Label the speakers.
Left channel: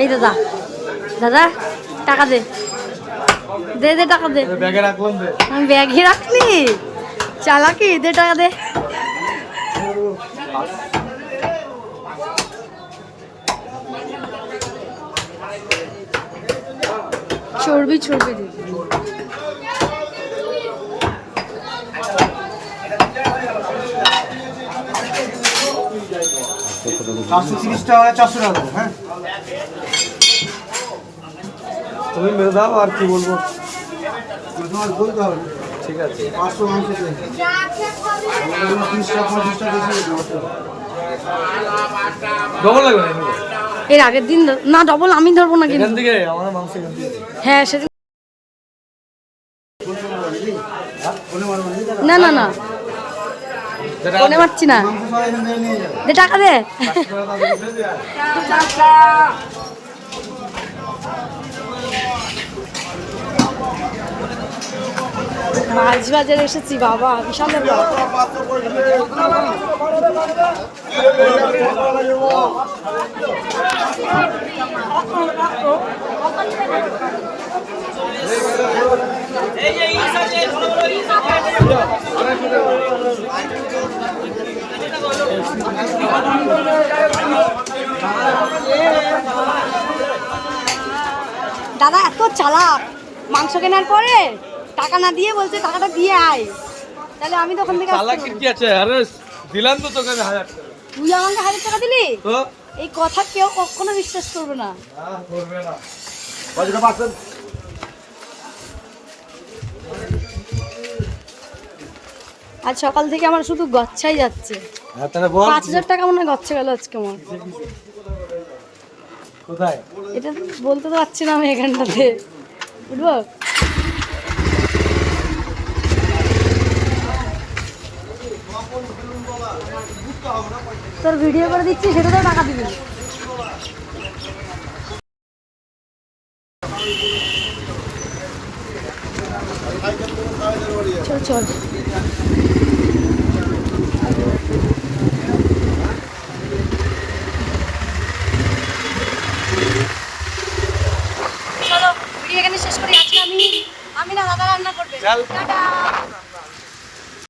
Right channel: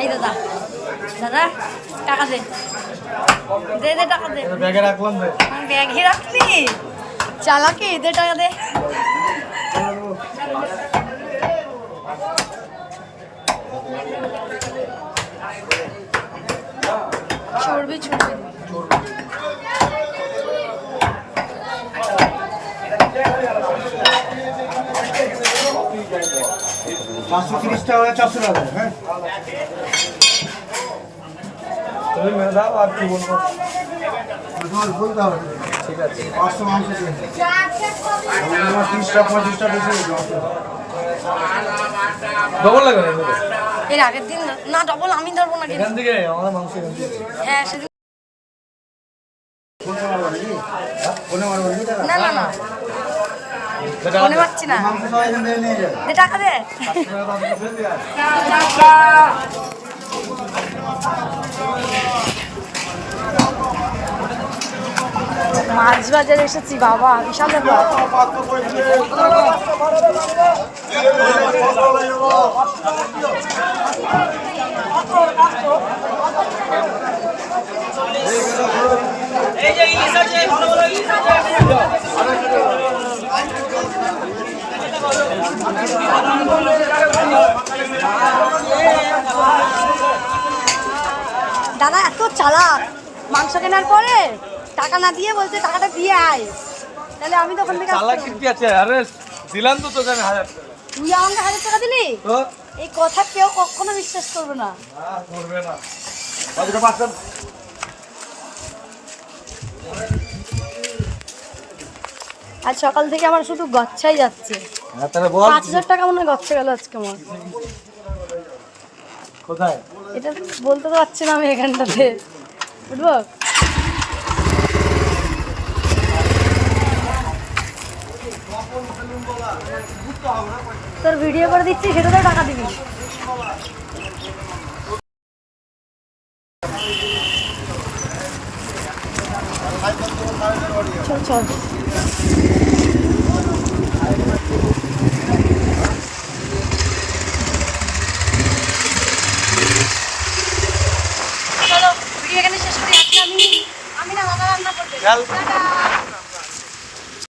Speaker 1: এই
Speaker 2: দাদা দাদা টাকা দে। দে দে টাকা দে।
Speaker 3: ব্যাগে রাখলাম
Speaker 2: আমি ব্যাগে রাখলি? চালাকি দে টাকা দে। চর্বি চর্বি
Speaker 3: চারশো তিরিশ টাকা চারশো টাকা হ্যাঁ। তুমি মেরে দাও আর কি বলব? বলতে হবে। ঠিক আছে। পাঁচশো মাংস তিরিশটা পঁয়ত্রিশটা বেশি ডবল লাগবে
Speaker 2: এর আগের দিন না ডবল আমি ধরবো না কিন্তু। হ্যাঁ সেদিন? না না না। মনে না। টাকা দে। মাছ বাজারে এসেছি বাবা বিশাল ব্যাপার। দাদা এত চালাক। মাংস কেনার পরে টাকা না দিয়ে বলছে টাকাটা দিয়ে আয়। তাহলে আমি তখন থেকে
Speaker 3: চালাকি কি আছে? আরে দিলাম তো তোকে আমি হাজার টাকা।
Speaker 2: তুই আমাকে হাজার টাকা দিলি? এই কথা কেউ কখনো বিশ্বাস করবে না।
Speaker 3: করবে না
Speaker 2: আজ সকাল থেকে আমার শুধু গচ্ছাই যাচ্ছে। পাঁচ হাজার টাকা মনে হয় গচ্ছা গেল আজকে আমার।
Speaker 3: কোথায়?
Speaker 2: এটা বলতে তো পারছি না আমি এখানটাতে। বুঝব তোর ভিডিও করে দিচ্ছি সেটাতেও টাকা দিবি। চল চল। চলো ভিডিও এখানে শেষ করি। আজকে আমি আমি না দাদা রান্না করবে।